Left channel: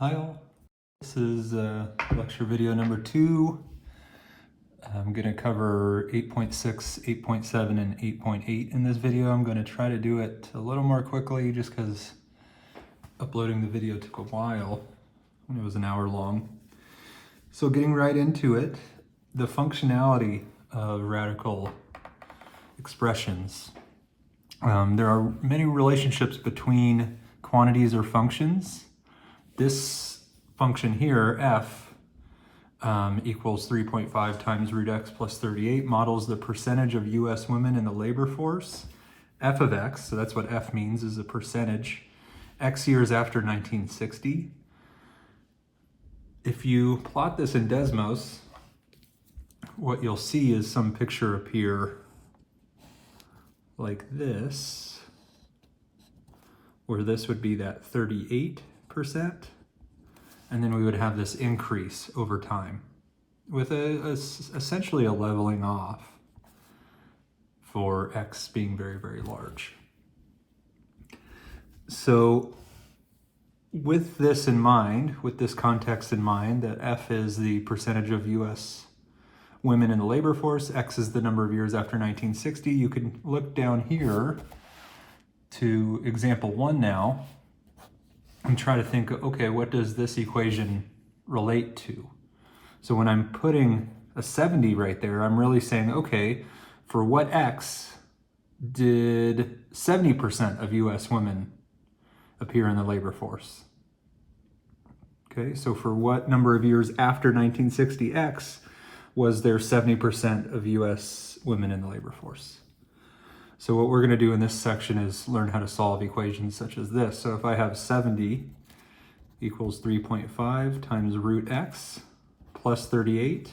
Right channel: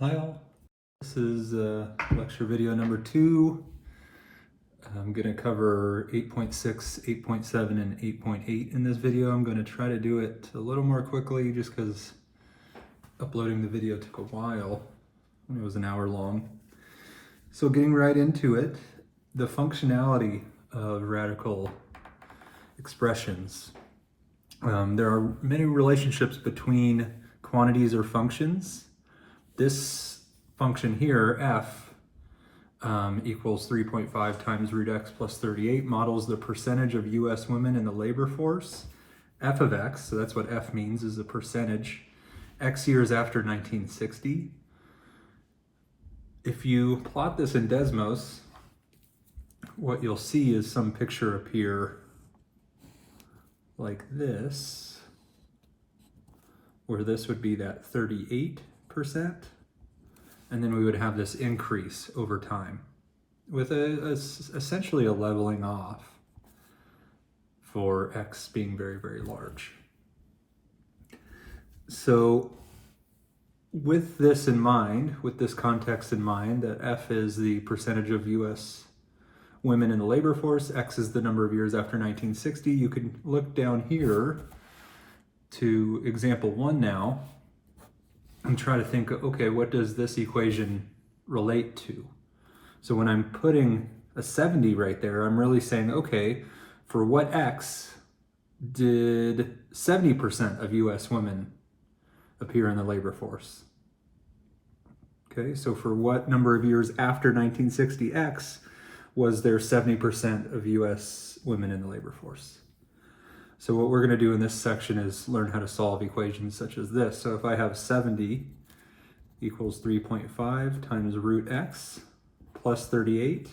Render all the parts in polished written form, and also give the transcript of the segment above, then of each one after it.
Hi all, this is lecture video number 2. I'm going to cover 8.6, 8.7, and 8.8 in this video. I'm going to try to do it a little more quickly just because uploading the video took a while. It was an hour long. So getting right into it, the functionality of radical expressions. There are many relationships between quantities or functions. This function here, f, equals 3.5 times root x plus 38, models the percentage of US women in the labor force. F of x, so that's what f means, is a percentage, x years after 1960. If you plot this in Desmos, what you'll see is some picture appear like this, where this would be that 38%. And then we would have this increase over time with essentially a leveling off for x being very, very large. So with this in mind, with this context in mind, that f is the percentage of US women in the labor force, x is the number of years after 1960, you can look down here to example 1 now and try to think, okay, what does this equation relate to? So when I'm putting a 70 right there, I'm really saying, okay, for what x did 70% of US women appear in the labor force? Okay, so for what number of years after 1960 x was there 70% of US women in the labor force? So what we're going to do in this section is learn how to solve equations such as this. So if I have 70 equals 3.5 times root x plus 38,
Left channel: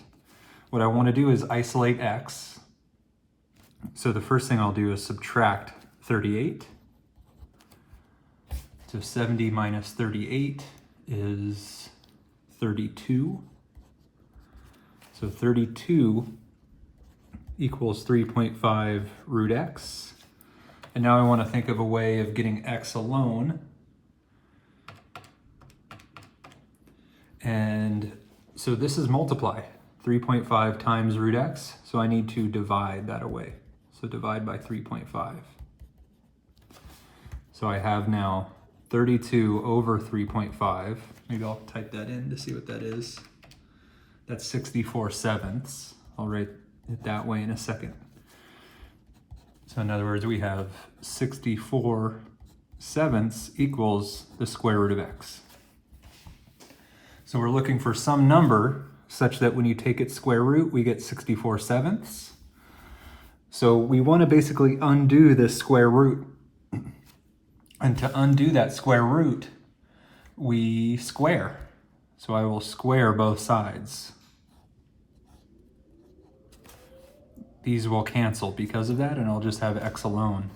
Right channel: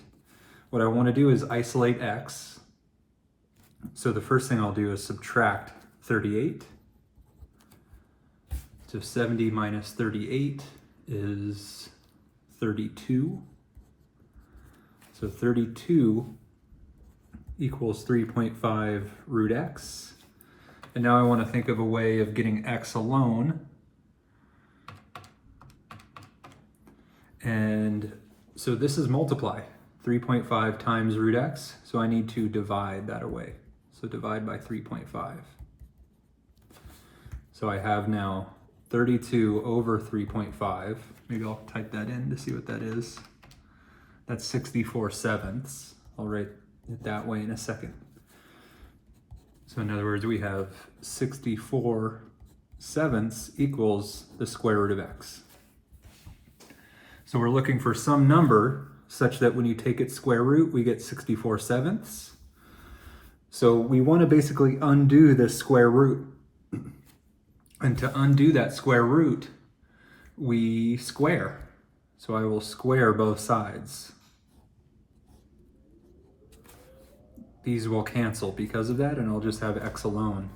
what I want to do is isolate x. So the first thing I'll do is subtract 38. So 70 minus 38 is 32. So 32 equals 3.5 root x. And now I want to think of a way of getting x alone. And so this is multiply, 3.5 times root x. So I need to divide that away. So divide by 3.5. So I have now 32 over 3.5. Maybe I'll type that in to see what that is. That's 64/7. I'll write it that way in a second. So in other words, we have 64/7 equals the square root of x. So we're looking for some number such that when you take its square root, we get 64/7. So we want to basically undo this square root. And to undo that square root, we square. So I will square both sides. These will cancel because of that, and I'll just have x alone.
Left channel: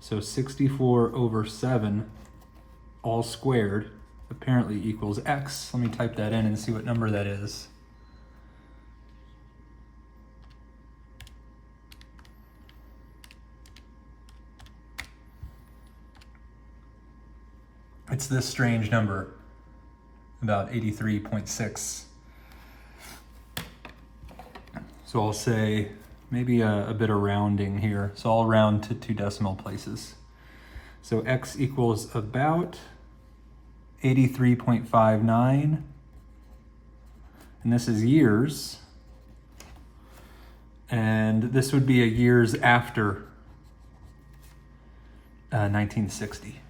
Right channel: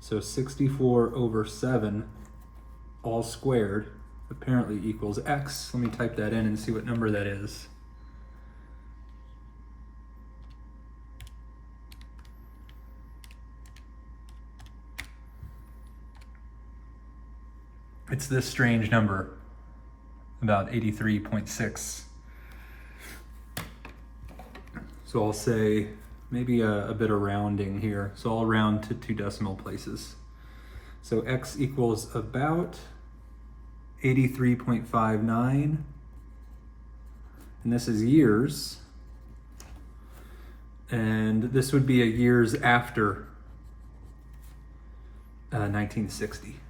So 64/7 all squared apparently equals x. Let me type that in and see what number that is. It's this strange number, about 83.6. So I'll say maybe a bit of rounding here. So I'll round to 2 decimal places. So x equals about 83.59. And this is years. And this would be a years after 1960.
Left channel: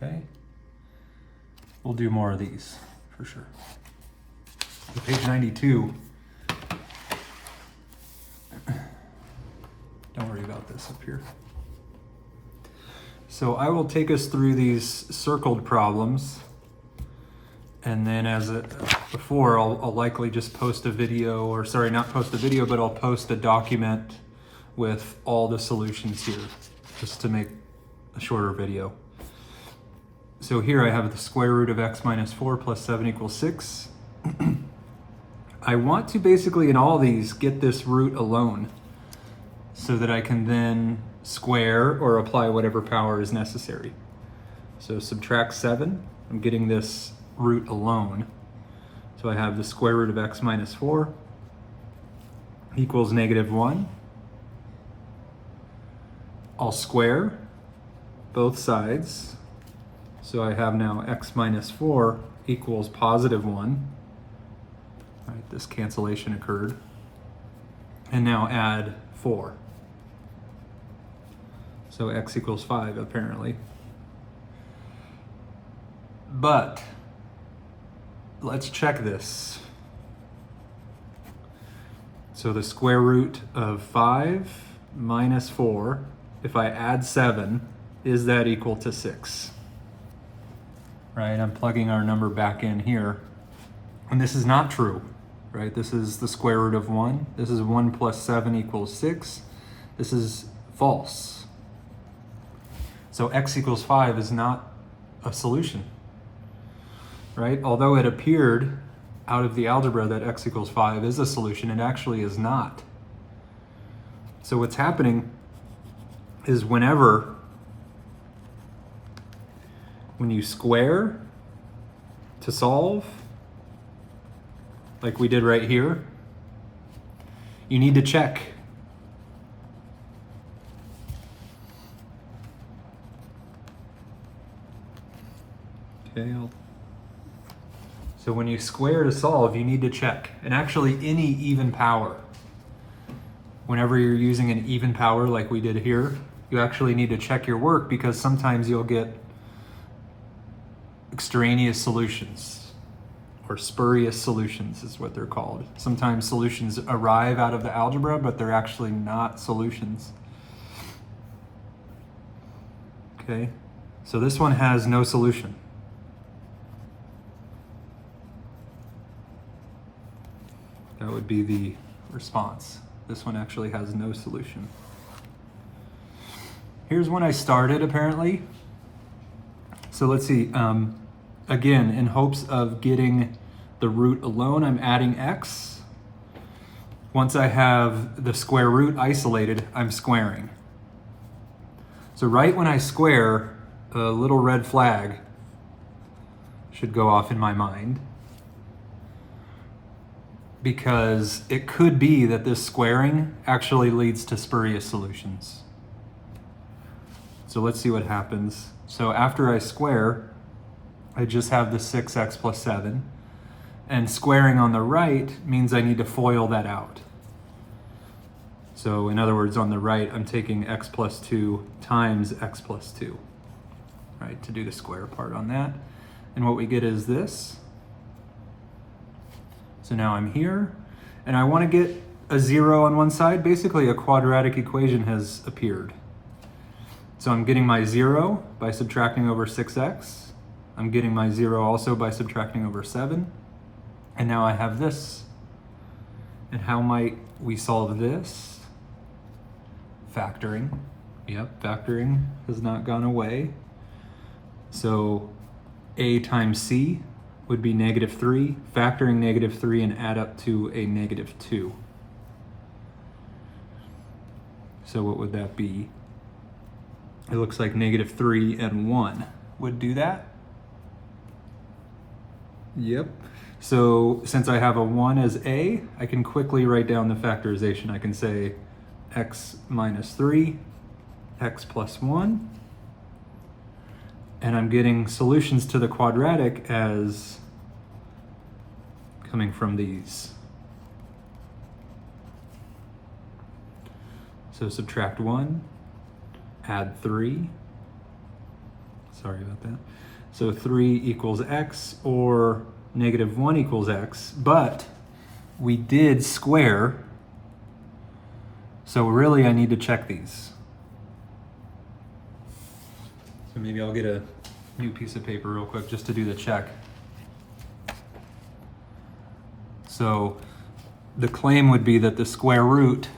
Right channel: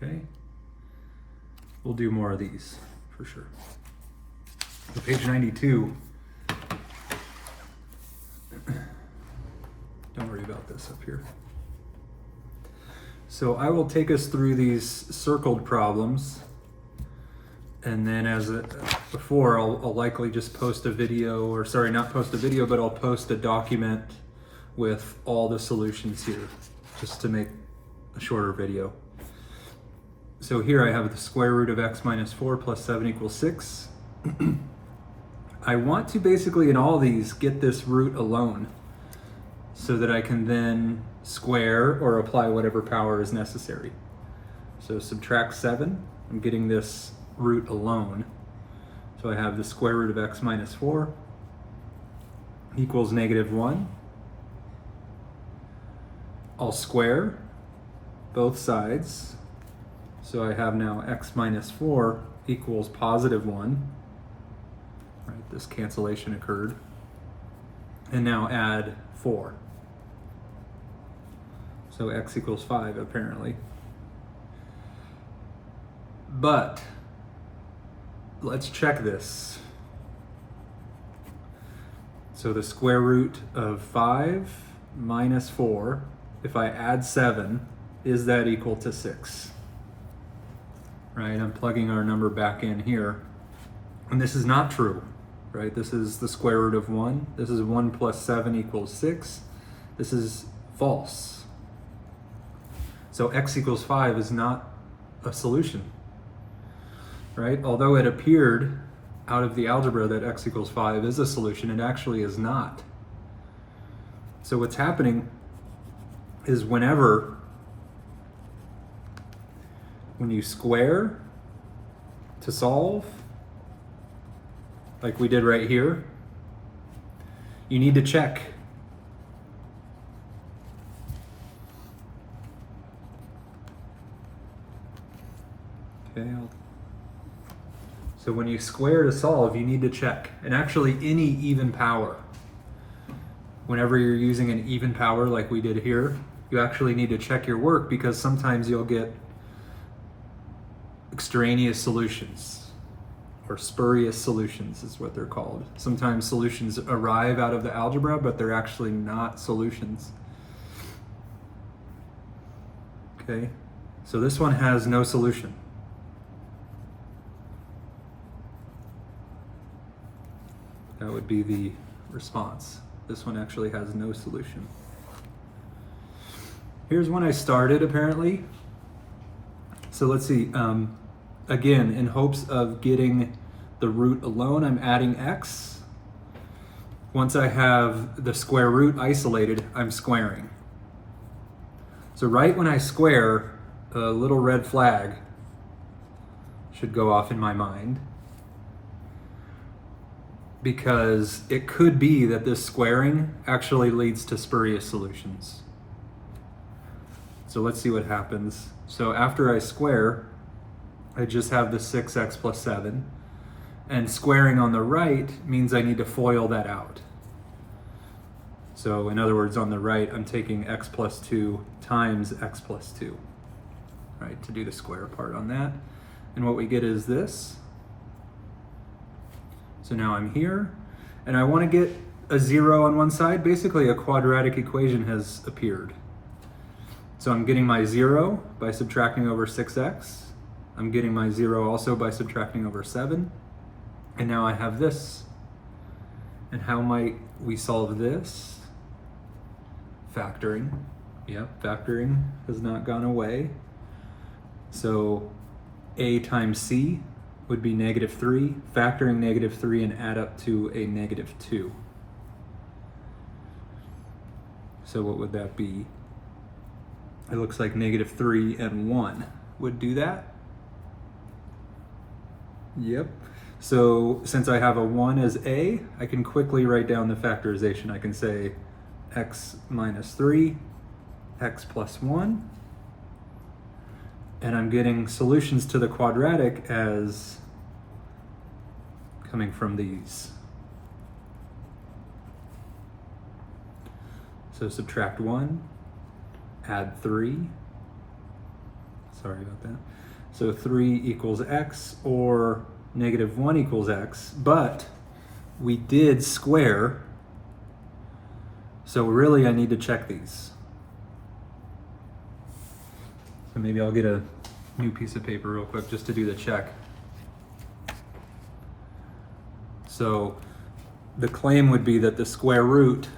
Okay, we'll do more of these for sure. So page 92. Don't worry about this up here. So I will take us through these circled problems, and then as before, I'll likely just post a video, or sorry, not post a video, but I'll post a document with all the solutions here, just to make a shorter video. So here I have the square root of x minus 4 plus 7 equals 6. I want to basically in all these get this root alone so that I can then square or apply whatever power is necessary. So subtract 7, I'm getting this root alone. So I have the square root of x minus 4 equals -1. I'll square both sides. So I have now x minus 4 equals +1. Right, this cancellation occurred. And now add 4. So x equals 5 apparently. But let's check this. So the square root of 5 minus 4, if I add 7, is that equal to 6? Right, I'm plugging our number back in here. And this is not true, right? This is the square root of 1. This is 1 plus 7 equals 6. This is false. So x equals 5 is not a solution, right? Although it appeared out of the algebra that x equals 5 is a solution, it actually is not. So what's happening is when you square to solve, like we did right here, you need to check. Okay, so when you square to solve, you need to check. And actually any even power, whenever you're using an even power like we did here, you actually need to check your work because sometimes you'll get extraneous solutions, or spurious solutions is what they're called. Sometimes solutions arrive out of the algebra, but they're actually not solutions. Okay, so this one has no solution. That would be the response. This one actually has no solution. Here's when I started, apparently. So let's see, again, in hopes of getting the root alone, I'm adding x. Once I have the square root isolated, I'm squaring. So right when I square, a little red flag should go off in my mind, because it could be that this squaring actually leads to spurious solutions. So let's see what happens. So after I square, I just have the 6x plus 7. And squaring on the right means I need to FOIL that out. So in other words, on the right, I'm taking x plus 2 times x plus 2, right, to do the square part on that. And what we get is this. So now I'm here, and I want to get a 0 on one side. Basically, a quadratic equation has appeared. So I'm getting my 0 by subtracting over 6x. I'm getting my 0 also by subtracting over 7. And now I have this. And how might we solve this? Factoring. Yep, factoring has not gone away. So a times c would be -3. Factoring -3 and add up to a -2. So what would that be? It looks like -3 and 1 would do that. Yep. So since I have a 1 as a, I can quickly write down the factorization. I can say x minus 3, x plus 1, and I'm getting solutions to the quadratic as coming from these. So subtract 1, add 3. Sorry about that. So 3 equals x, or -1 equals x, but we did square, so really I need to check these. So maybe I'll get a new piece of paper real quick just to do the check. So the claim would be that the square root,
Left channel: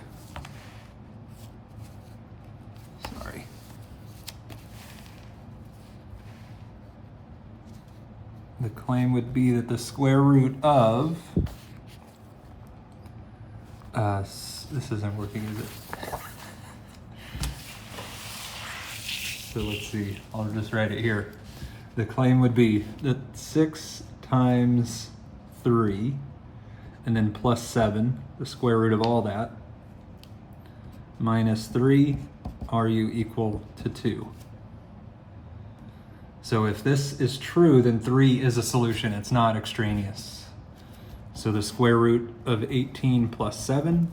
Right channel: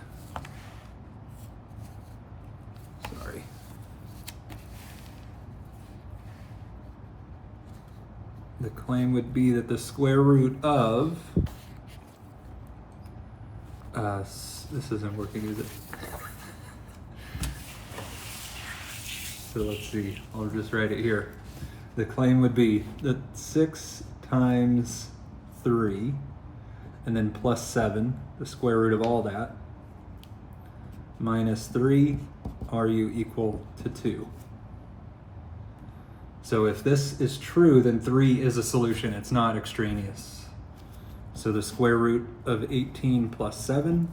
the claim would be that the square root of This is, I'm working with it. So let's see, I'll just write it here. The claim would be that 6 times 3, and then plus 7, the square root of all that, minus 3, RU equal to 2. So if this is true, then 3 is a solution. It's not extraneous. So the square root of 18 plus 7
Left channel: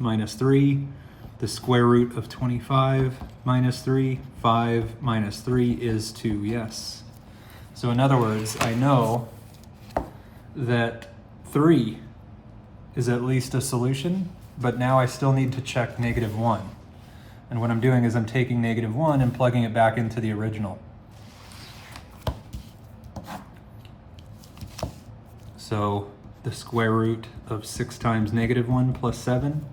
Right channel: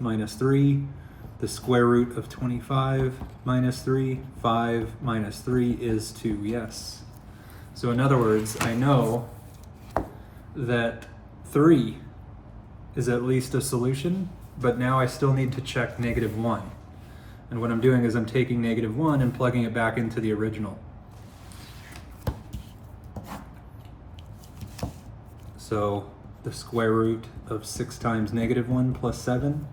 minus 3, the square root of 25 minus 3, 5 minus 3 is 2, yes. So in other words, I know that 3 is at least a solution, but now I still need to check -1. And what I'm doing is I'm taking -1 and plugging it back into the original. So the square root of 6 times -1 plus 7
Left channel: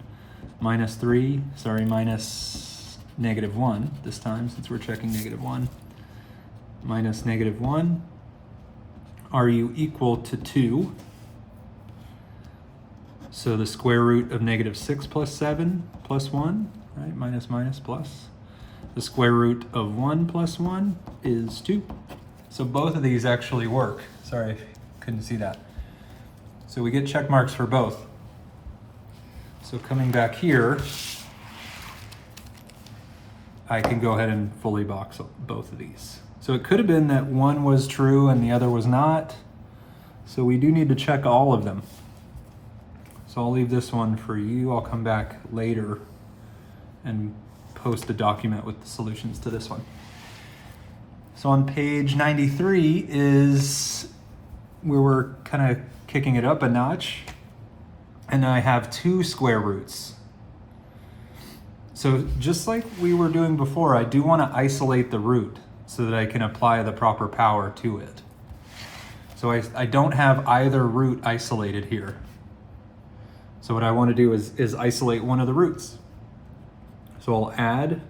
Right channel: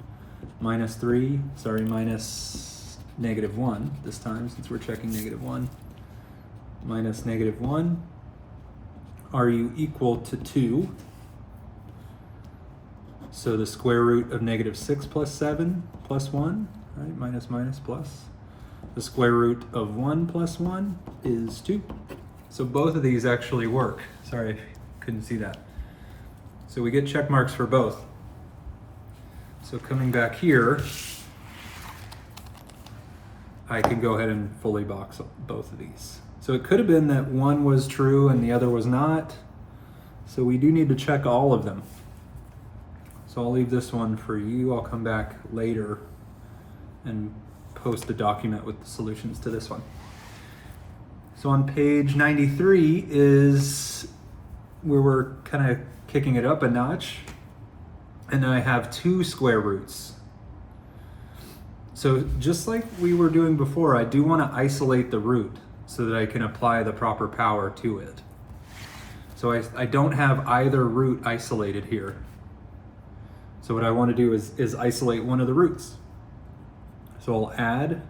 minus 3, minus -1 this time since we're checking -1, minus -1, RU equal to 2. So the square root of -6 plus 7 plus 1, right, minus minus plus. The square root of 1 plus 1 is 2. So both of these actually work. Sorry, I couldn't see that. So we get check marks for both. So coming back here, I can go ahead and fully box both of these. So it could have been that one was true and the other was not. So we do need to check all of them. So I'll leave this one for you. I'll come back later and post a document with the solutions to this one. So on page 93 is where we're kind of kicking it up a notch. And I have 2 square roots. So just like we were doing before, I do want to isolate the root so that I can apply the proper power to it. So I don't have either root isolated here. So what I want to do is isolate one of the roots. So I'll add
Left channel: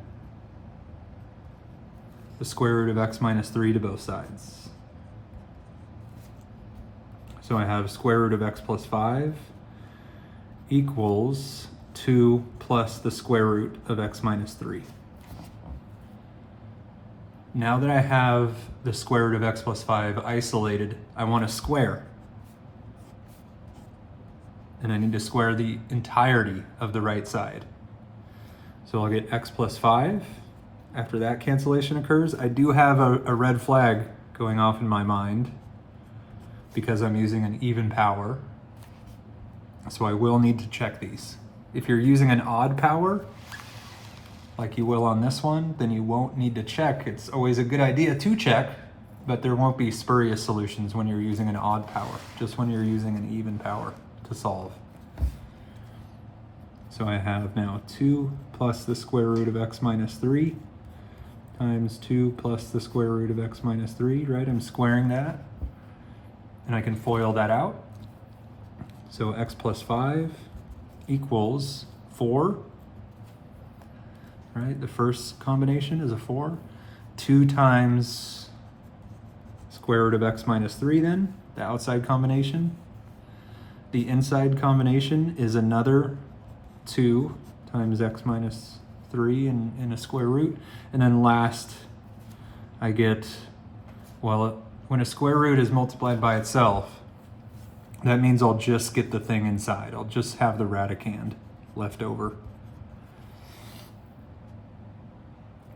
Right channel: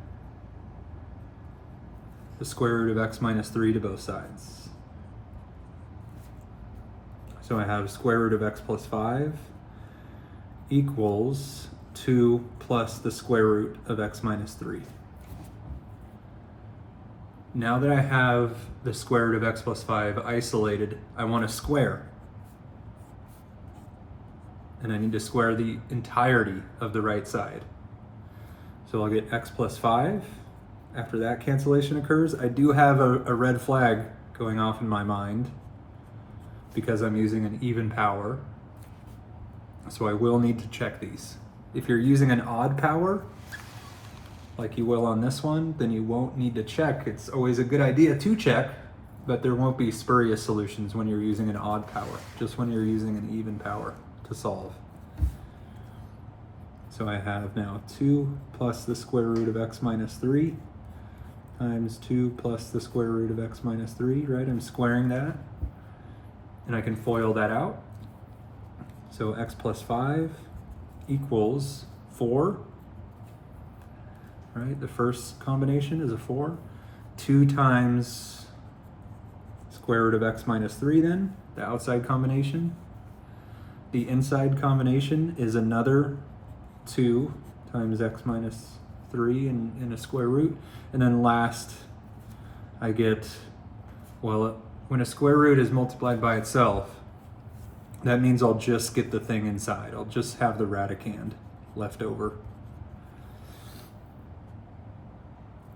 the square root of x minus 3 to both sides. So I have square root of x plus 5 equals 2 plus the square root of x minus 3. Now that I have the square root of x plus 5 isolated, I want to square. And I need to square the entirety of the right side. So I'll get x plus 5. After that cancellation occurs, I do have a red flag going off in my mind because I'm using an even power. So I will need to check these. If you're using an odd power, like you will on this one, then you won't need to check. It's always a good idea to check, but there won't be spurious solutions when you're using an odd power, just when you're using an even power to solve. So I have now 2 plus the square root of x minus 3 times 2 plus the square root of x minus 3, right? I'm squaring that, and I can FOIL that out. So x plus 5 equals 4, right? The first combination is a 4. 2 times square root of x minus 3 then, the outside combination. The inside combination is another 2 times x minus 3 in a square root. And then last, I get, well, when a square root is multiplied by itself, that means I'll just get the thing inside. I'll just have the radicand left over.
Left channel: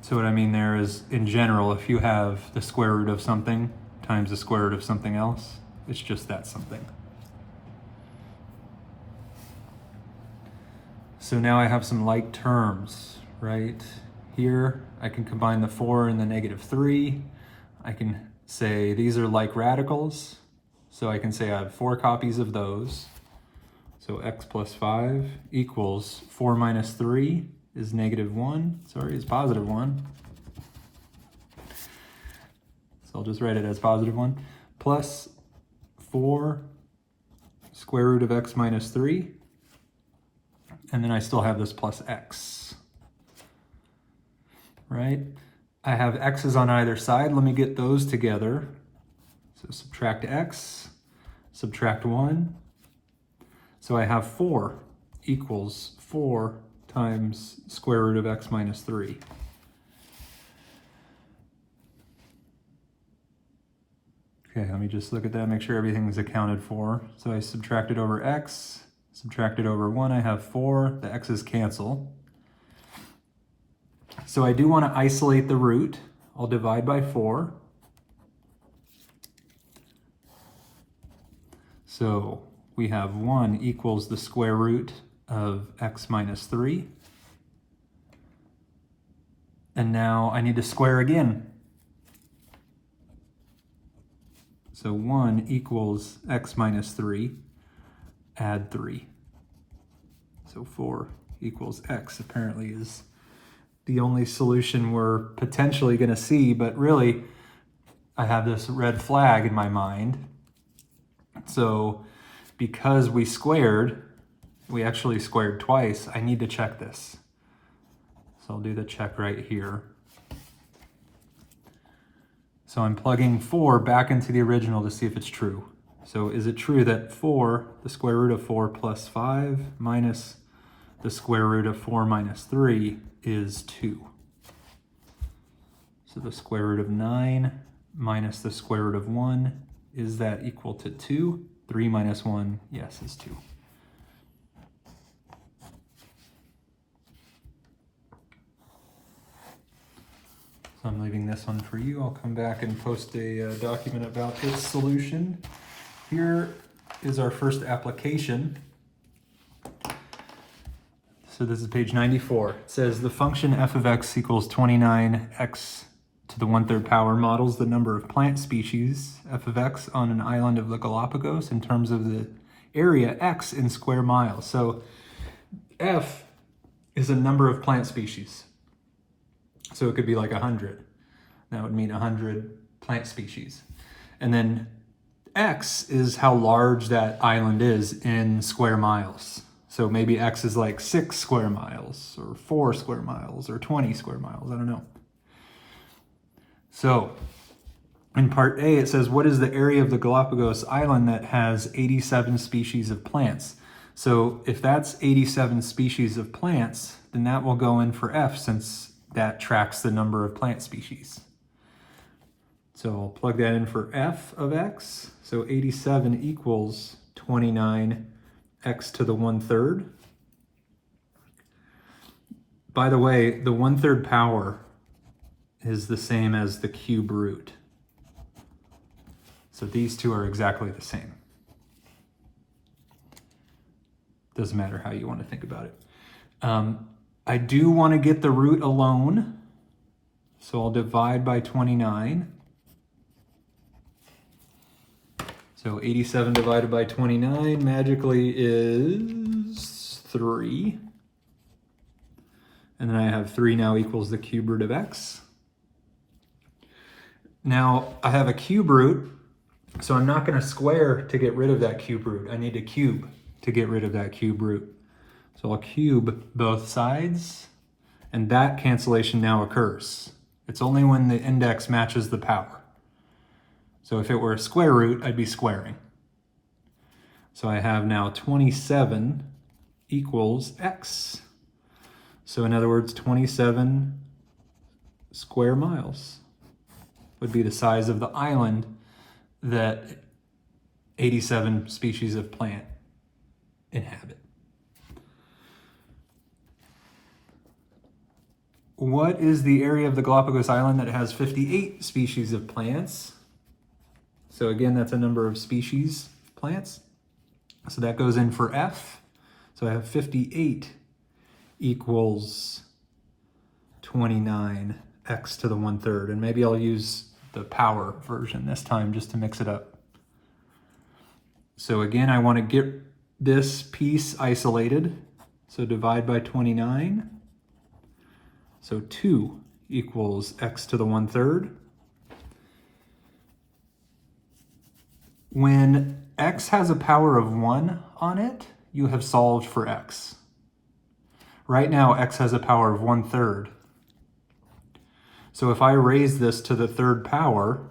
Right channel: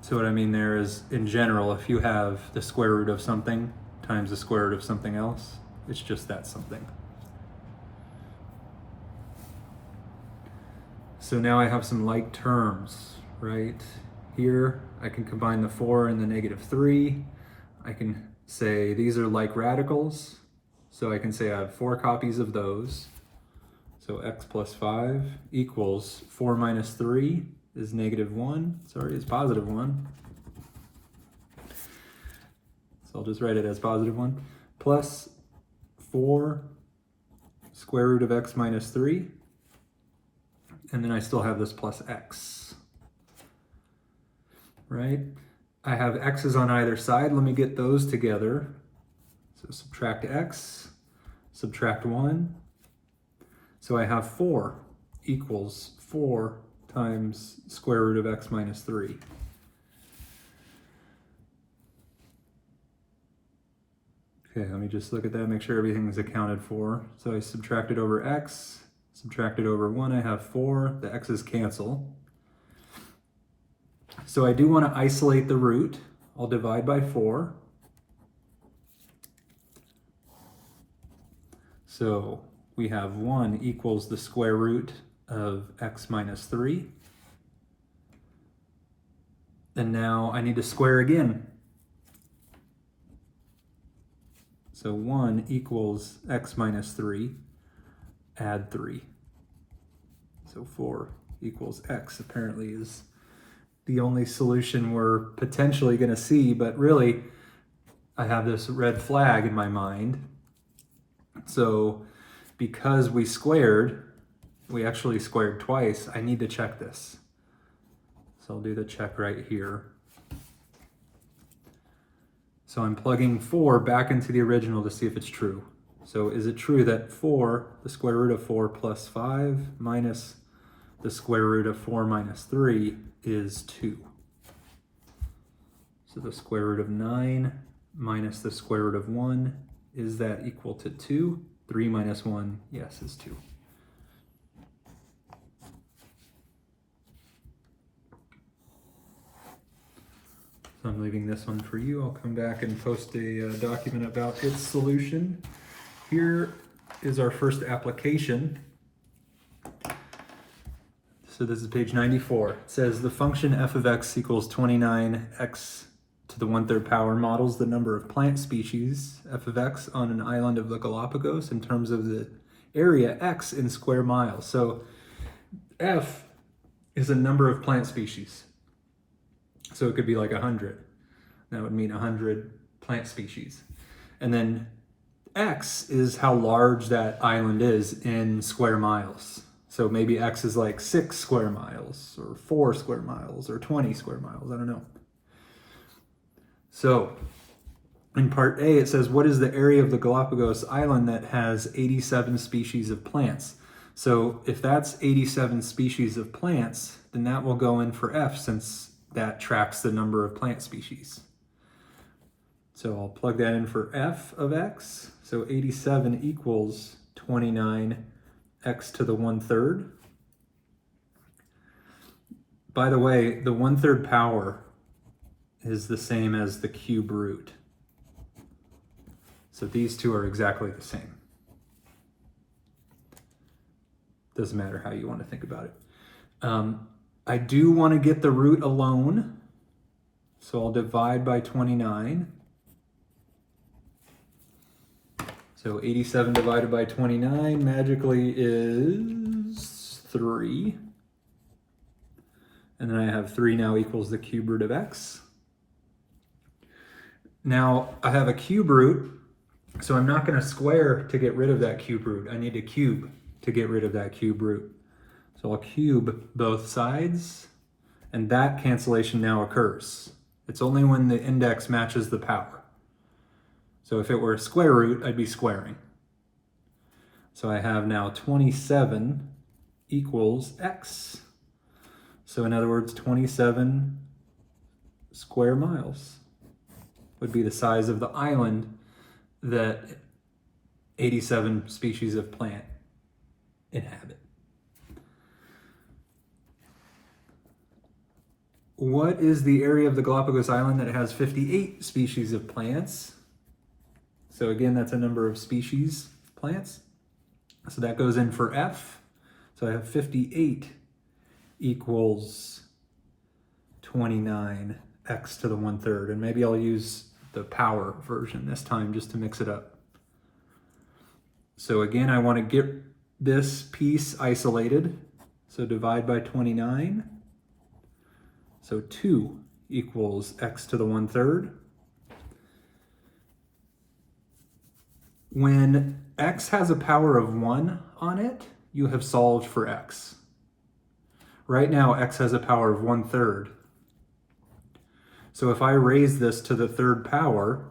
So what I mean there is, in general, if you have the square root of something times the square root of something else, it's just that something. So now I have some like terms, right? Here, I can combine the 4 and the -3. I can say these are like radicals. So I can say I have 4 copies of those. So x plus 5 equals 4 minus 3 is -1. Sorry, it's +1. So I'll just write it as +1. Plus 4 square root of x minus 3. And then I still have this plus x. Right? I have x's on either side. Let me get those together. So subtract x, subtract 1. So I have 4. equals 4 times square root of x minus 3. Okay, let me just look at that, make sure everything is accounted for. So I subtracted over x, subtracted over 1, I have 4, the x's cancel. So I do want to isolate the root. I'll divide by 4. So we have 1 equals the square root of x minus 3. And now I need to square again. So 1 equals x minus 3, add 3. So 4 equals x apparently is the only solution we're potentially going to see, but really I have this red flag in my mind. So because we actually squared twice, I need to check this. So I'll do the check right here. So I'm plugging 4 back into the original to see if it's true. So is it true that 4, the square root of 4 plus 5 minus the square root of 4 minus 3 is 2? So the square root of 9 minus the square root of 1, is that equal to 2? 3 minus 1, yes, is 2. So I'm leaving this one for you. I'll come back and post a document about its solution. Here is our first application. So this is page 94. It says the function f of x equals 29x to the 1/3 power models the number of plant species f of x on an island of the Galapagos in terms of the area x in square miles. So f is a number of plant species. So it could be like 100. That would mean 100 plant species. And then x is how large that island is in square miles. So maybe x is like 6 square miles, or 4 square miles, or 20 square miles, I don't know. So in part A, it says, what is the area of the Galapagos Island that has 87 species of plants? So if that's 87 species of plants, then that will go in for f, since that tracks the number of plant species. So I'll plug that in for f of x. So 87 equals 29 x to the 1/3. By the way, the 1/3 power is the same as the cube root. So these two are exactly the same. Doesn't matter how you want to think about it. I do want to get the root alone, so I'll divide by 29. So 87 divided by 29 magically is 3. And then I have 3 now equals the cube root of x. Now I have a cube root, so I'm not going to square to get rid of that cube root. I need to cube to get rid of that cube root. So I'll cube both sides, and that cancellation now occurs. It's only when the index matches the power. So if it were a square root, I'd be squaring. So I have now 27 equals x. So in other words, 27 square miles would be the size of the island that 87 species of plant inhabit. What is the area of the Galapagos Island that has 58 species of plants? So again, that's a number of species plants. So that goes in for f. So I have 58 equals 29x to the 1/3. And maybe I'll use the power version this time just to mix it up. So again, I want to get this piece isolated. So divide by 29. So 2 equals x to the 1/3. When x has a power of 1 on it, you have solved for x. Right now, x has a power of 1/3. So if I raise this to the 3rd power,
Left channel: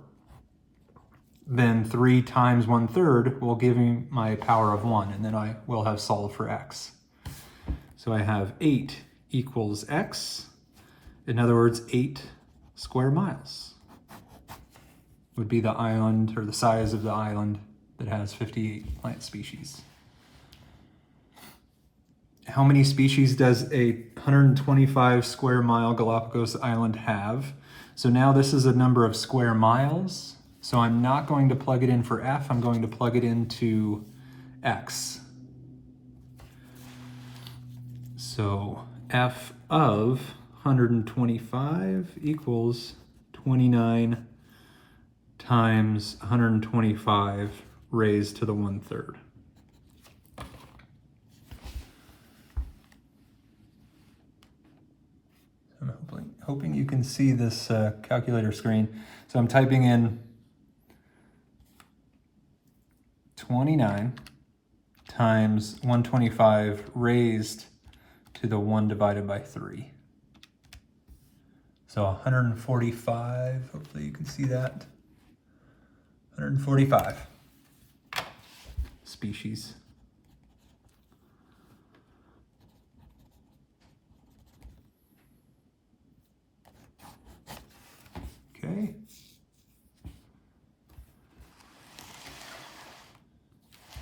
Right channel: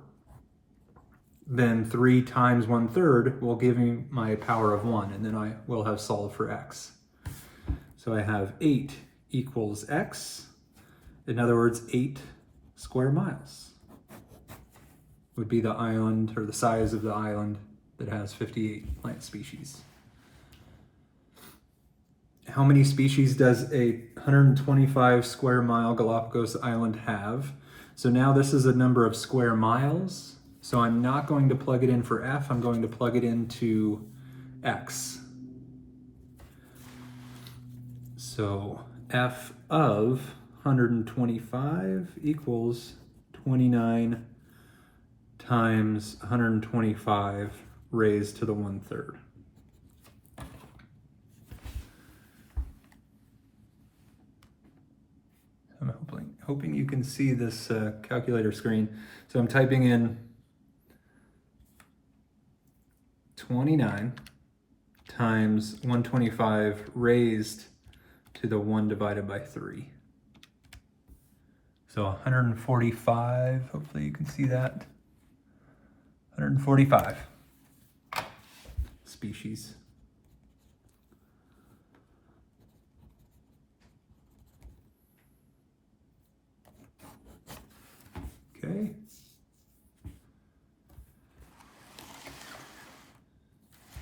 then 3 times 1/3 will give me my power of 1, and then I will have solved for x. So I have 8 equals x. In other words, 8 square miles would be the island, or the size of the island that has 58 plant species. How many species does a 125 square mile Galapagos island have? So now this is a number of square miles. So I'm not going to plug it in for f, I'm going to plug it into x. So f of 125 equals 29 times 125 raised to the 1/3. I'm hoping you can see this calculator screen. So I'm typing in 29 times 125 raised to the 1 divided by 3. So 145, hopefully you can see that. 145 species. Okay.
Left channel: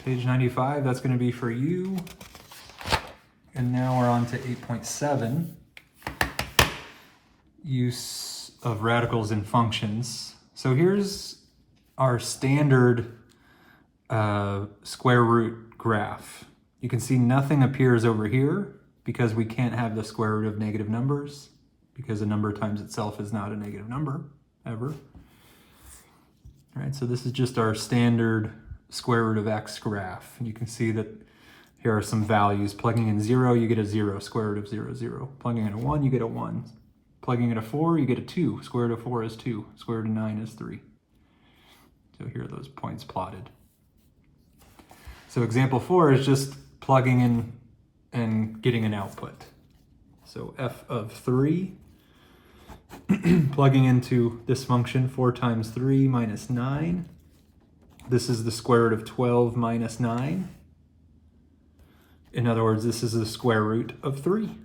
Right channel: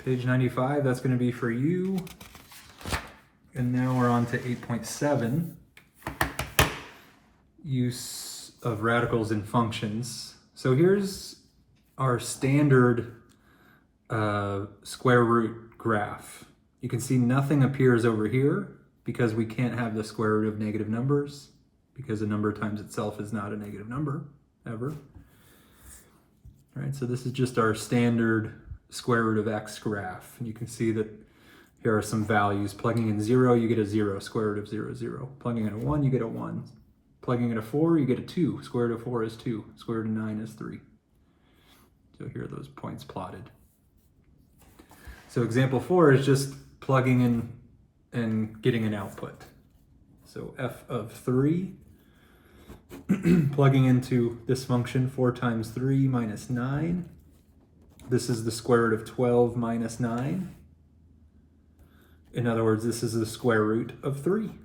Page 95, that's going to be for you. And now we're on to 8.7. Use of radicals in functions. So here's our standard square root graph. You can see nothing appears over here because we can't have the square root of negative numbers, because a number times itself is not a negative number, ever. All right, so this is just our standard square root of x graph. And you can see that here are some values. Plugging in 0, you get a 0, square root of 0, 0. Plugging in a 1, you get a 1. Plugging in a 4, you get a 2. Square root of 4 is 2. Square root of 9 is 3. So here are those points plotted. So example 4 is just plugging in and getting an output. So f of 3, plugging into this function, 4 times 3 minus 9. This is the square root of 12 minus 9. In other words, this is the square root of 3.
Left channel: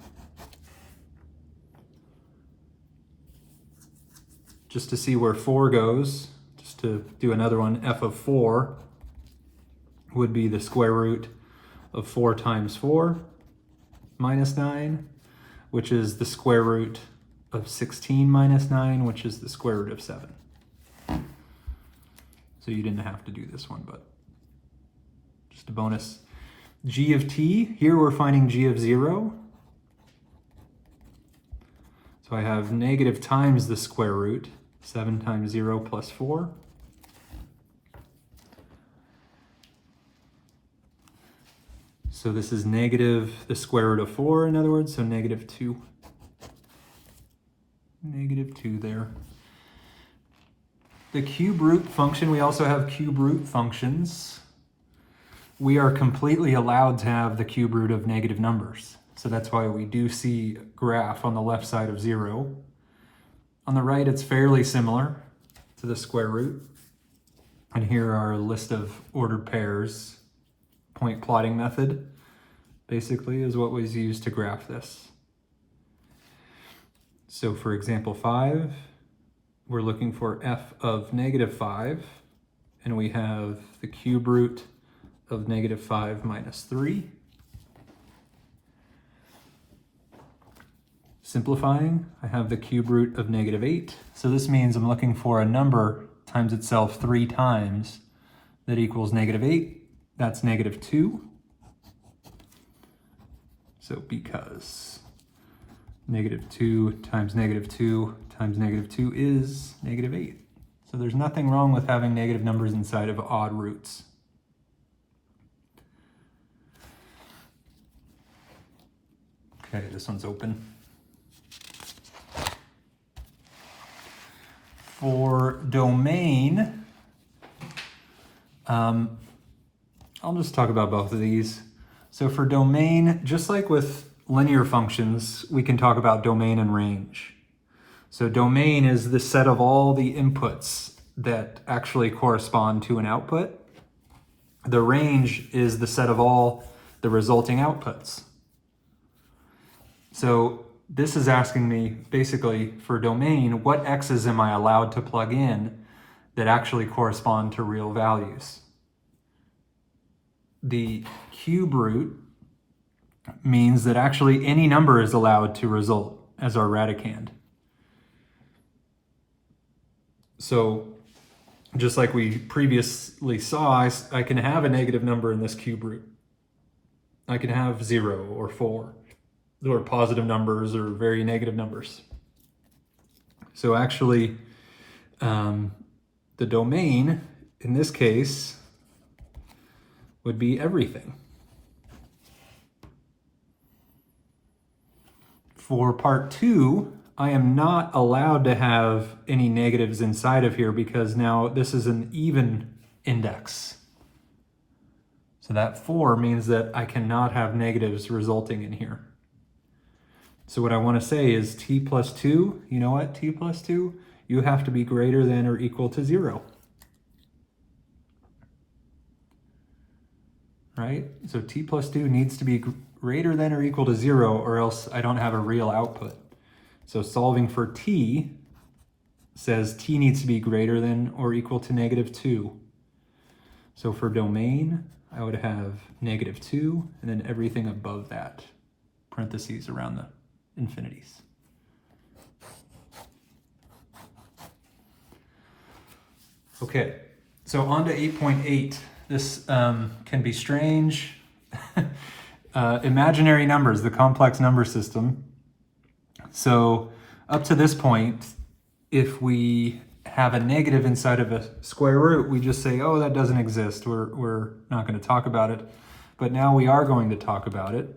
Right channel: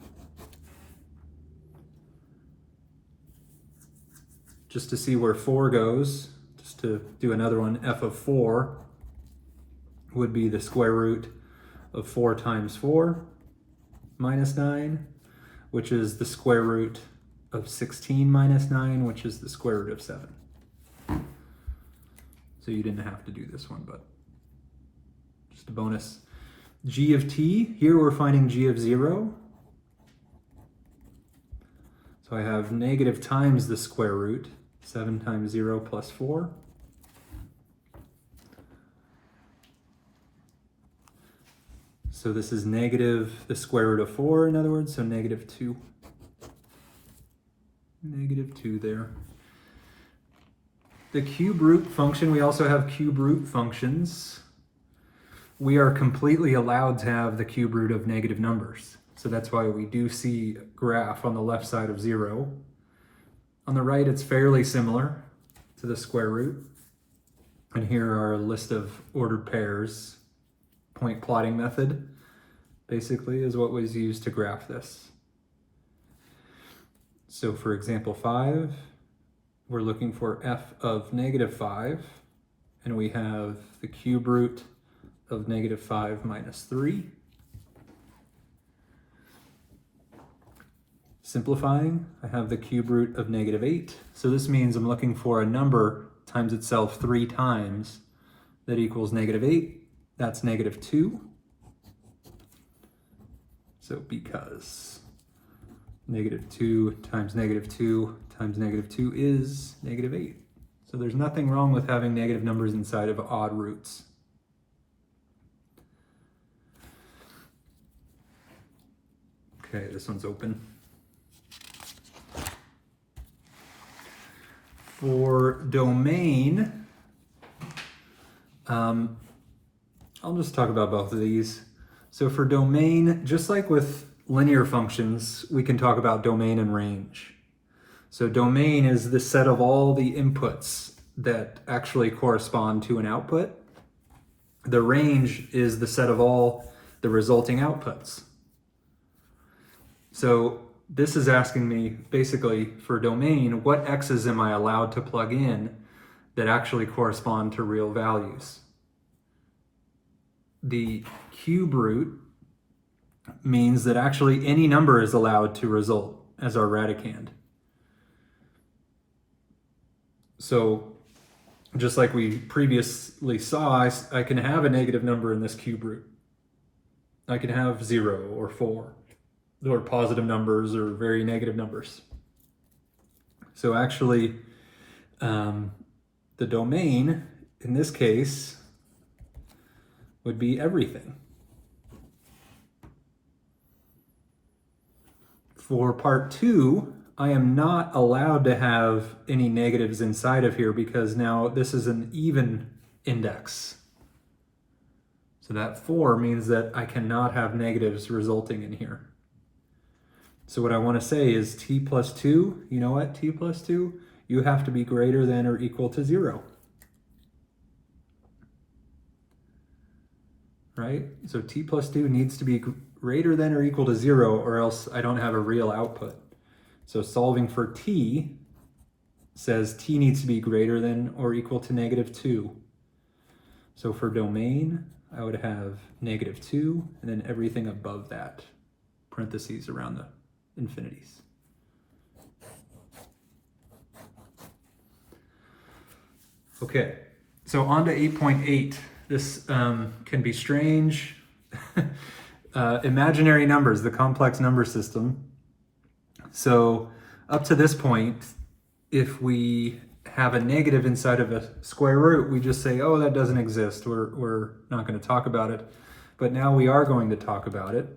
Just to see where 4 goes, just to do another one, f of 4 would be the square root of 4 times 4 minus 9, which is the square root of 16 minus 9, which is the square root of 7. So you didn't have to do this one, but just a bonus. G of t, here we're finding g of 0. So I have negative times the square root, 7 times 0 plus 4. So this is negative the square root of 4, in other words, so negative 2. Negative 2 there. The cube root function, we also have cube root functions. We are completely allowed to have the cube root of negative numbers. So that's why we do see graph on the left side of 0. On the right, it's fairly similar to the square root. And here are a list of ordered pairs. Point plotting method, basically, is what was used to graph this. So for example 5, we're looking for f of negative 5, and we have the cube root of negative 5 minus 3. Simplifying, I have the cube root of negative 8. So this means I'm looking for a number times itself 3 times that equals negative 8. That's negative 2. So because negative 2 times negative 2 times negative 2 is negative 8. So there's nothing wrong with having negative numbers inside of odd roots. Okay, this one's open. For domain, I'll just talk about both of these. So for domain, just like with linear functions, we can talk about domain and range. So domain is the set of all the inputs that actually correspond to an output. The range is the set of all the resulting outputs. So this is asking me, basically, for domain, what x's am I allowed to plug in that actually correspond to real values? The cube root means that actually any number is allowed to result as our radicand. So just like we previously saw, I can have a negative number in this cube root. I can have 0 or 4, or positive numbers or very negative numbers. So actually, the domain in this case would be everything. For part 2, I am not allowed to have any negatives inside of here because now this is an even index. So that 4 means that I cannot have negatives resulting in here. So what I want to say is t plus 2, you know what, t plus 2, you have to be greater than or equal to 0. Right? So t plus 2 needs to be greater than or equal to 0, or else I don't have a real output. So solving for t says t needs to be greater than or equal to -2. So for domain, I would have -2, and then everything above that, parentheses around the infinities. Okay, so on to 8.8. This can be strange. Imaginary numbers, the complex number system. So up to this point, if we have a negative inside of a square root, we just say, oh, that doesn't exist. We're not going to talk about it. But now we are going to talk about it.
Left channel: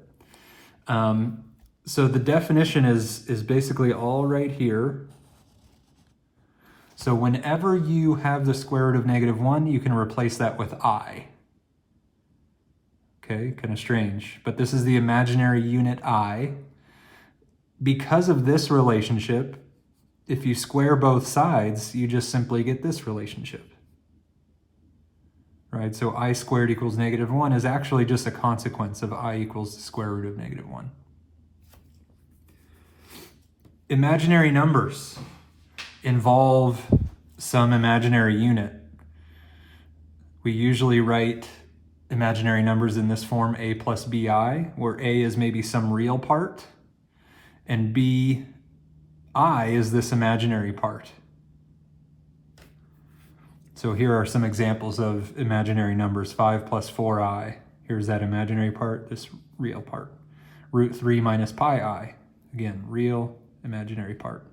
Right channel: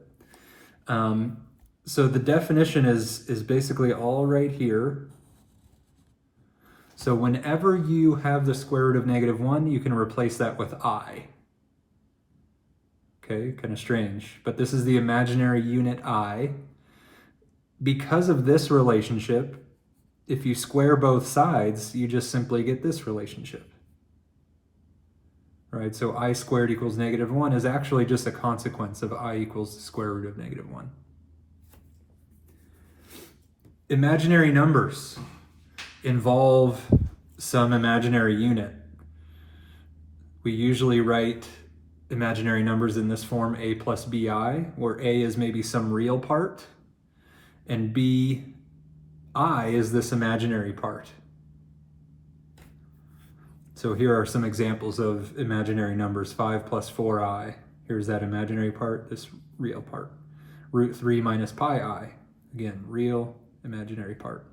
So the definition is basically all right here. So whenever you have the square root of -1, you can replace that with I. Okay, kind of strange. But this is the imaginary unit I. Because of this relationship, if you square both sides, you just simply get this relationship. Right, so I squared equals -1 is actually just a consequence of I equals the square root of -1. Imaginary numbers involve some imaginary unit. We usually write imaginary numbers in this form, a plus bi, where a is maybe some real part, and bi is this imaginary part. So here are some examples of imaginary numbers. 5 plus 4i. Here's that imaginary part, this real part. Root 3 minus pi I. Again, real imaginary part.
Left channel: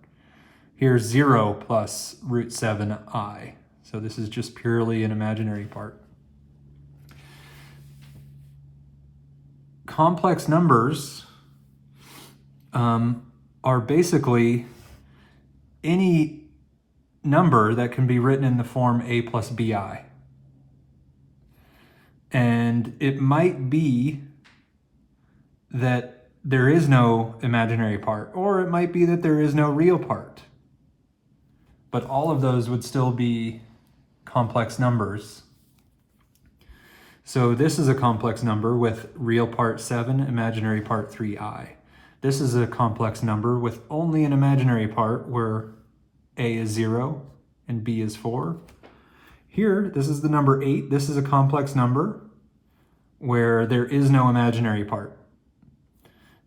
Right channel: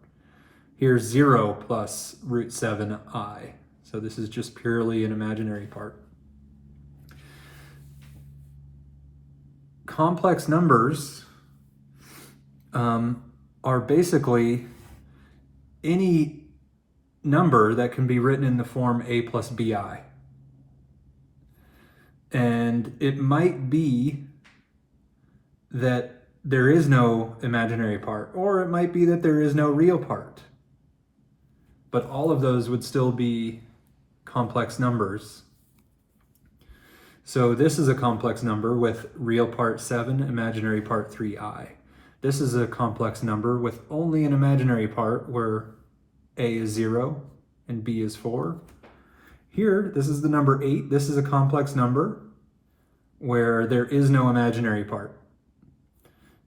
Here's 0 plus root 7i. So this is just purely an imaginary part. Complex numbers are basically any number that can be written in the form a plus bi. And it might be that there is no imaginary part, or it might be that there is no real part. But all of those would still be complex numbers. So this is a complex number with real part 7, imaginary part 3i. This is a complex number with only an imaginary part where a is 0 and b is 4. Here, this is the number 8. This is a complex number where there is no imaginary part.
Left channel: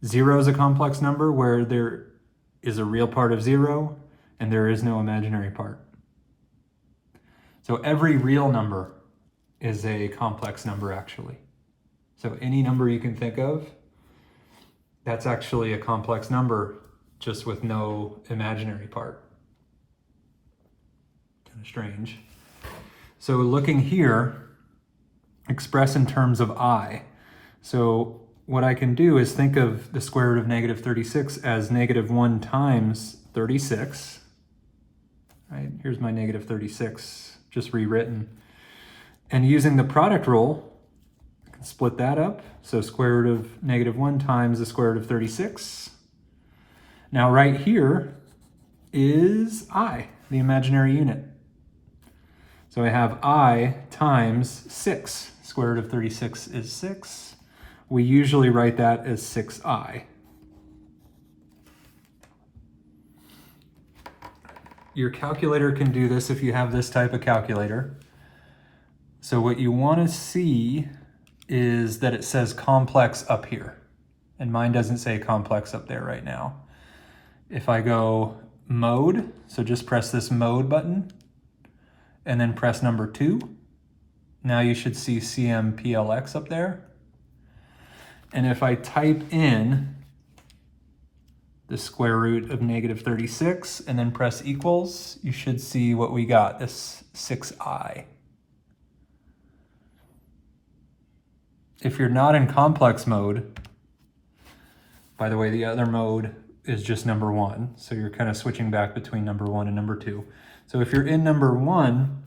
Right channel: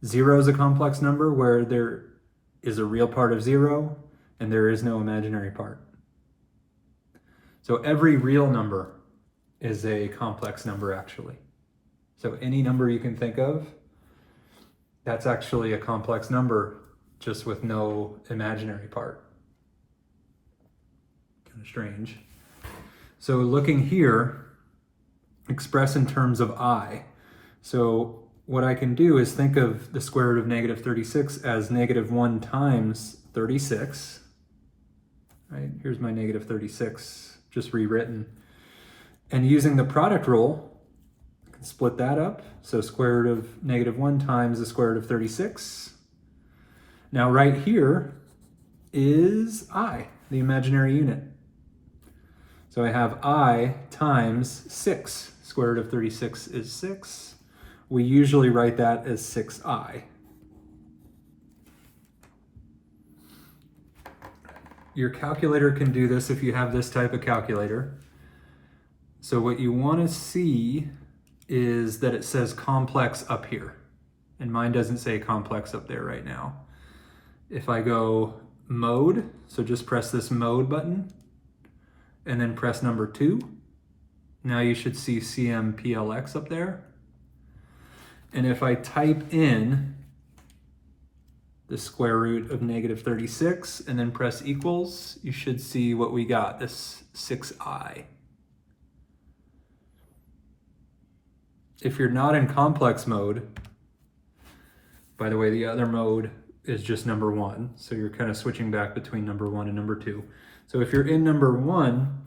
0 is a complex number where there is a real part of 0 and there is no imaginary part. So every real number is a complex number, actually. So any number you can think of, that's actually a complex number, just with no imaginary part. Kind of strange. So looking here, express in terms of I. So what I can do is think of the square root of -36 as -1 times 36. Right? Here's my -36, just rewritten. And using the product rule, I can split that up. So square root of -1 times the square root of 36. Now right here is I, the imaginary unit. So I have I times 6. Square root of 36 is 6. We usually write that as 6i. Your calculator can do this if you have this type of calculator. So what you want to see is that it says complex up here. And mine doesn't say complex up there right now. If I go mode, so just press this mode button and then press number 2. Now you should see CMPLX up there. And if I type in the square root of negative 36 and then press equals, you should see what we got, this 6i. If you're not in complex mode, by the way, the other mode is just number 1. So you're kind of switching back between number 1 and number 2. So if you're in number 1,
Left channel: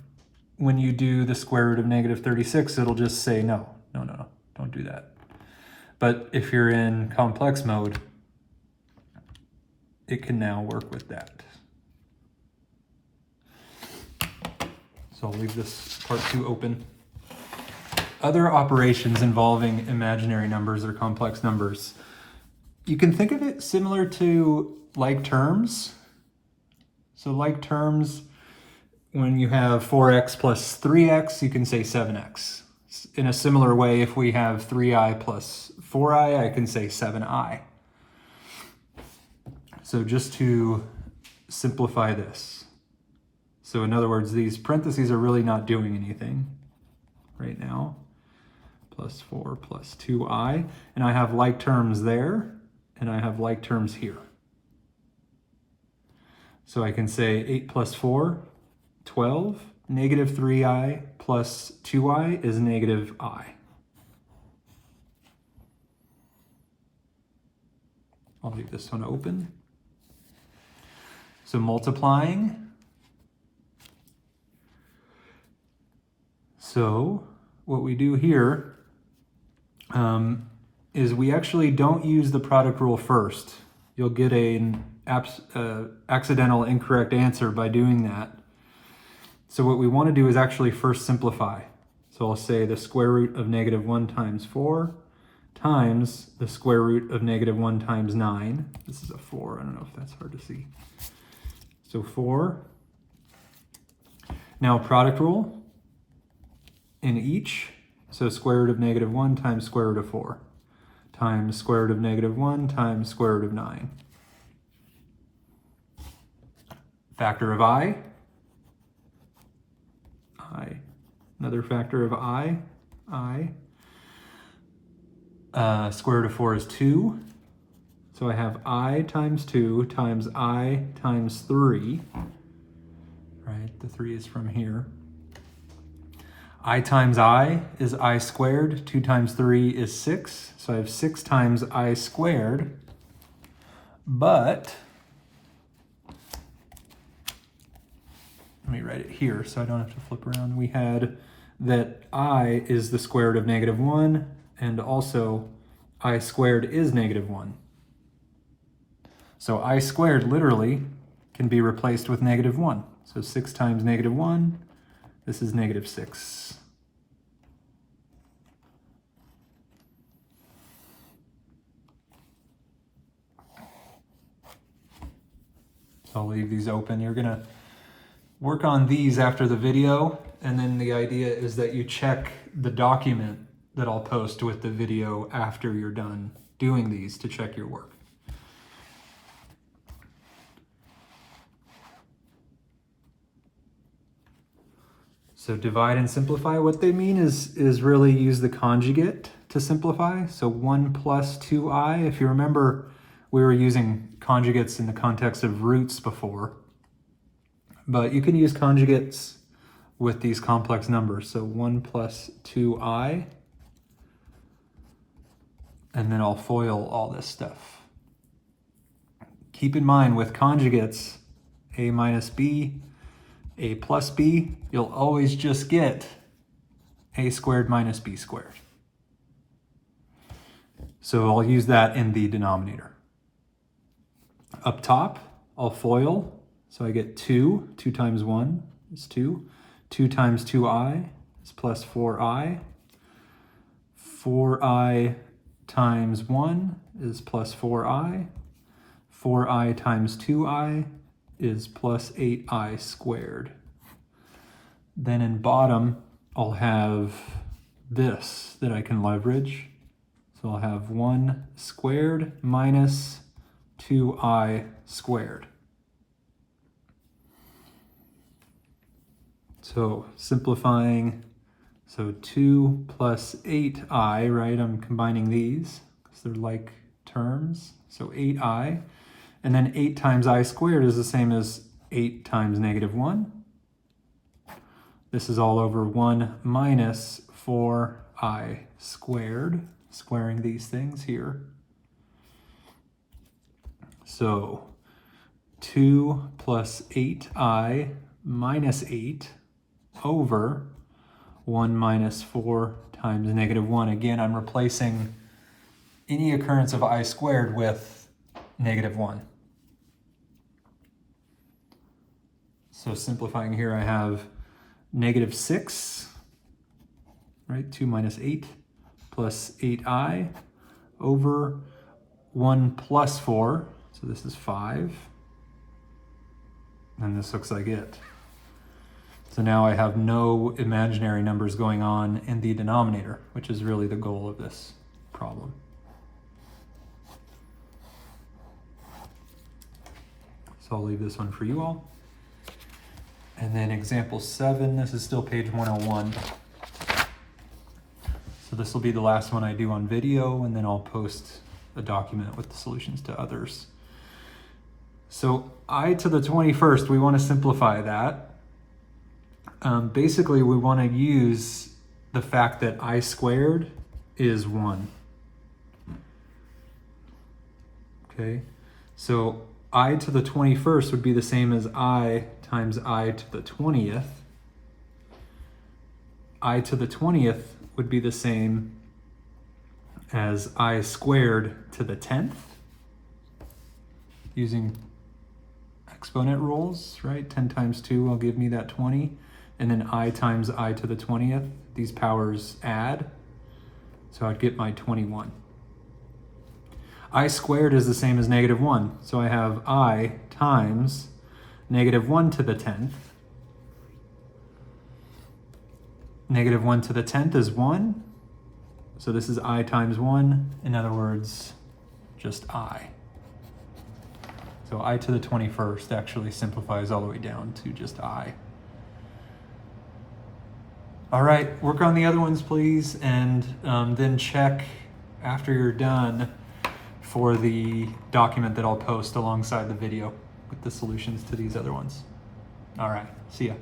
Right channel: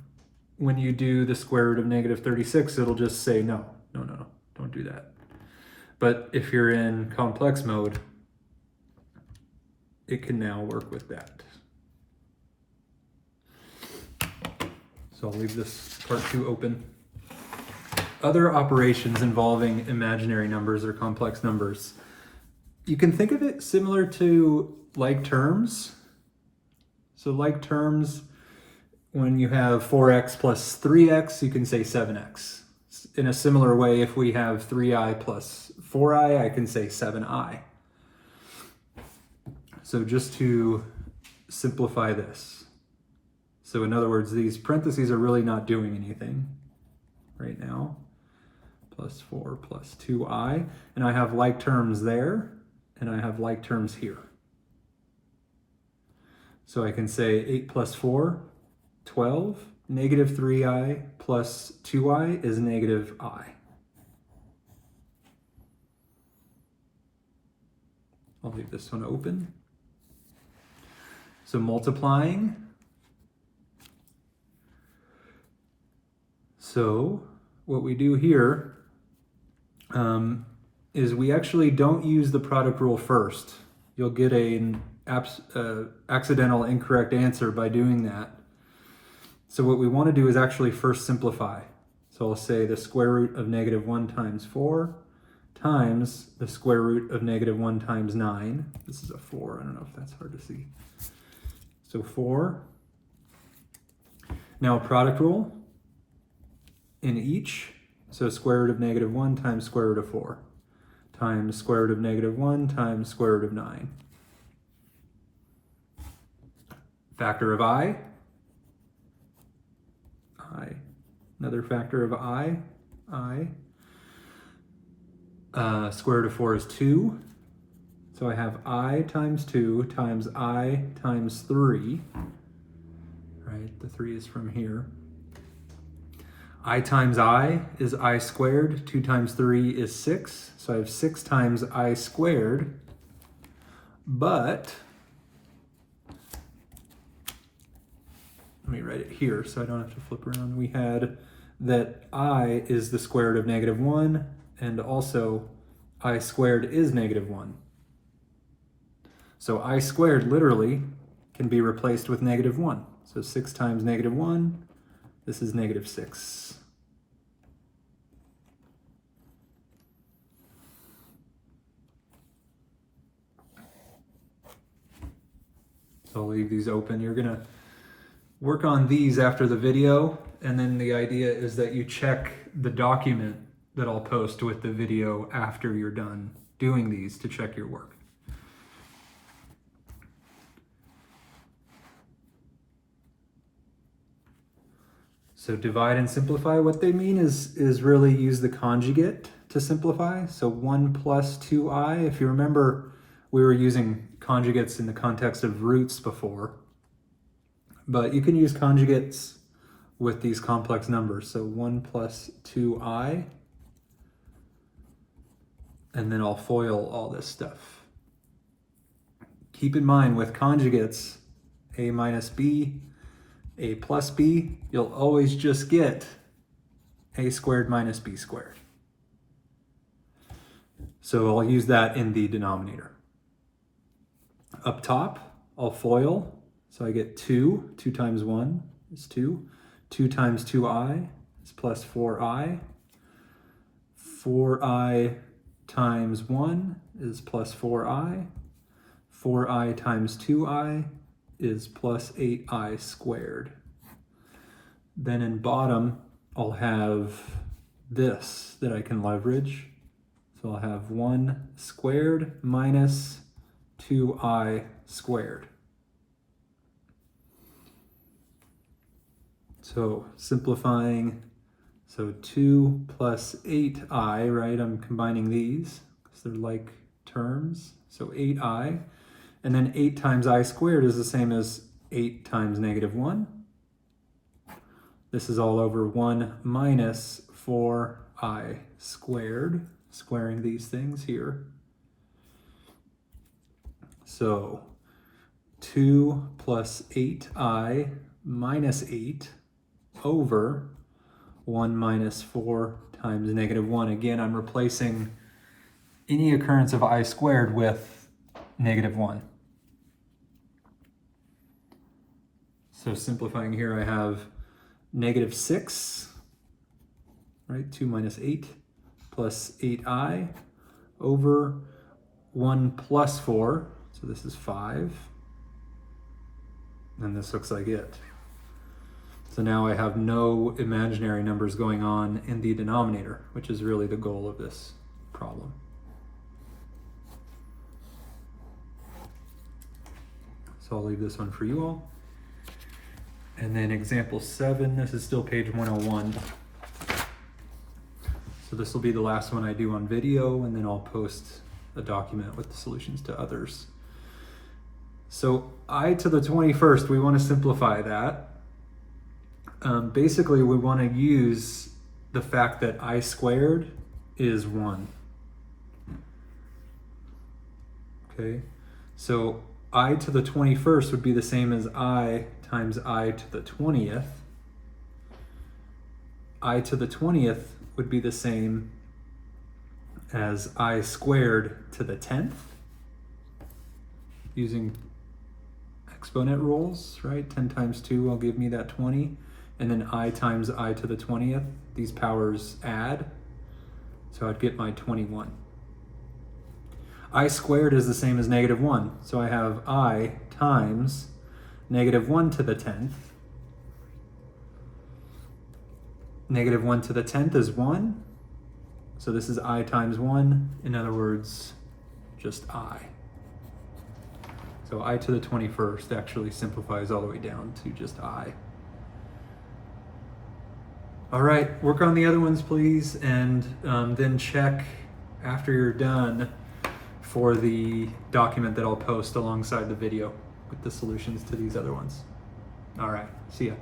when you do the square root of negative 36, it'll just say no, don't do that. But if you're in complex mode, it can now work with that. So I'll leave this part 2 open. Other operations involving imaginary numbers or complex numbers. You can think of it similar to like terms. So like terms, when you have 4x plus 3x, you can say 7x. In a similar way, if we have 3i plus 4i, I can say 7i. So just to simplify this. So in other words, these parentheses are really not doing anything right now. Plus 4 plus 2i. And I have like terms there, and I have like terms here. So I can say 8 plus 4, 12. Negative 3i plus 2i is negative I. I'll leave this one open. So multiplying. So what we do here is we actually don't use the product rule first. You'll get an accidental incorrect answer by doing that. So what we want to do is actually first simplify. So I'll say the square root of negative 1 times 4 times the square root of negative 1 times 9. This is a 4. I don't know if that's hard to see. So 4. Now product rule in each. So square root of negative 1 times square root of 4 times square root of negative 1 times square root of 9. Factor of I. Another factor of I. Square root of 4 is 2. So I have I times 2 times I times 3. Right, the 3 is from here. I times I is I squared. 2 times 3 is 6. So I have 6 times I squared. But let me write it here so I don't have to flip around. We had that I is the square root of negative 1, and also I squared is negative 1. So I squared literally can be replaced with negative 1. So 6 times negative 1, this is negative 6. So I'll leave these open. You're going to work on these after the video, and then the idea is that you check the document that I'll post with the video after you're done doing these to check your work. So divide and simplify, what they mean is really use the conjugate to simplify. So 1 plus 2i, if you remember, we were using conjugates in the context of roots before. But you can use conjugates with these complex numbers. So 1 plus 2i, and then I'll FOIL all this stuff. Keep in mind with conjugates, a minus b, a plus b, you'll always just get a squared minus b squared. So I'll use that in the denominator. Up top, I'll FOIL. So I get 2. 2 times 1 is 2. 2 times 2i is plus 4i. 4i times 1 is plus 4i. 4i times 2i is plus 8i squared. Then in bottom, I'll have this that I can leverage. So I'll have 1 squared minus 2i squared. So simplifying, so 2 plus 8i, right? I'm combining these because they're like terms. So 8i, and then 8 times I squared is the same as 8 times negative 1. This is all over 1 minus 4i squared, squaring these things here. So 2 plus 8i minus 8 over 1 minus 4 times negative 1. Again, I'm replacing any occurrence of I squared with negative 1. So simplifying here, I have negative 6, right? 2 minus 8 plus 8i over 1 plus 4. So this is 5. And this looks like it. So now I have no imaginary numbers going on in the denominator, which is really the goal of this problem. So I'll leave this one for you all. And then example 7, this is still page 101. So this will be the last one I do on video, and then I'll post a document with the solutions to others. So I to the 21st, we want to simplify that. Basically, we want to use the fact that I squared is 1. Okay, so I to the 21st would be the same as I times I to the 20th. I to the 20th would be the same as I squared to the 10th, using exponent rules, right? 10 times 2 will give me that 20. And then I times I to the 20th, these powers add. So I'd get my 21. I squared is the same as negative 1. So I have I times negative 1 to the 10th. Negative 1 to the 10th is 1. So this is I times 1. In other words, just I. So I to the 21st actually simplifies all the way down to just I. All right, work on the other ones, please, and then check after you're done for the document that I'll post alongside the video with the solutions to these other ones. All right, see ya.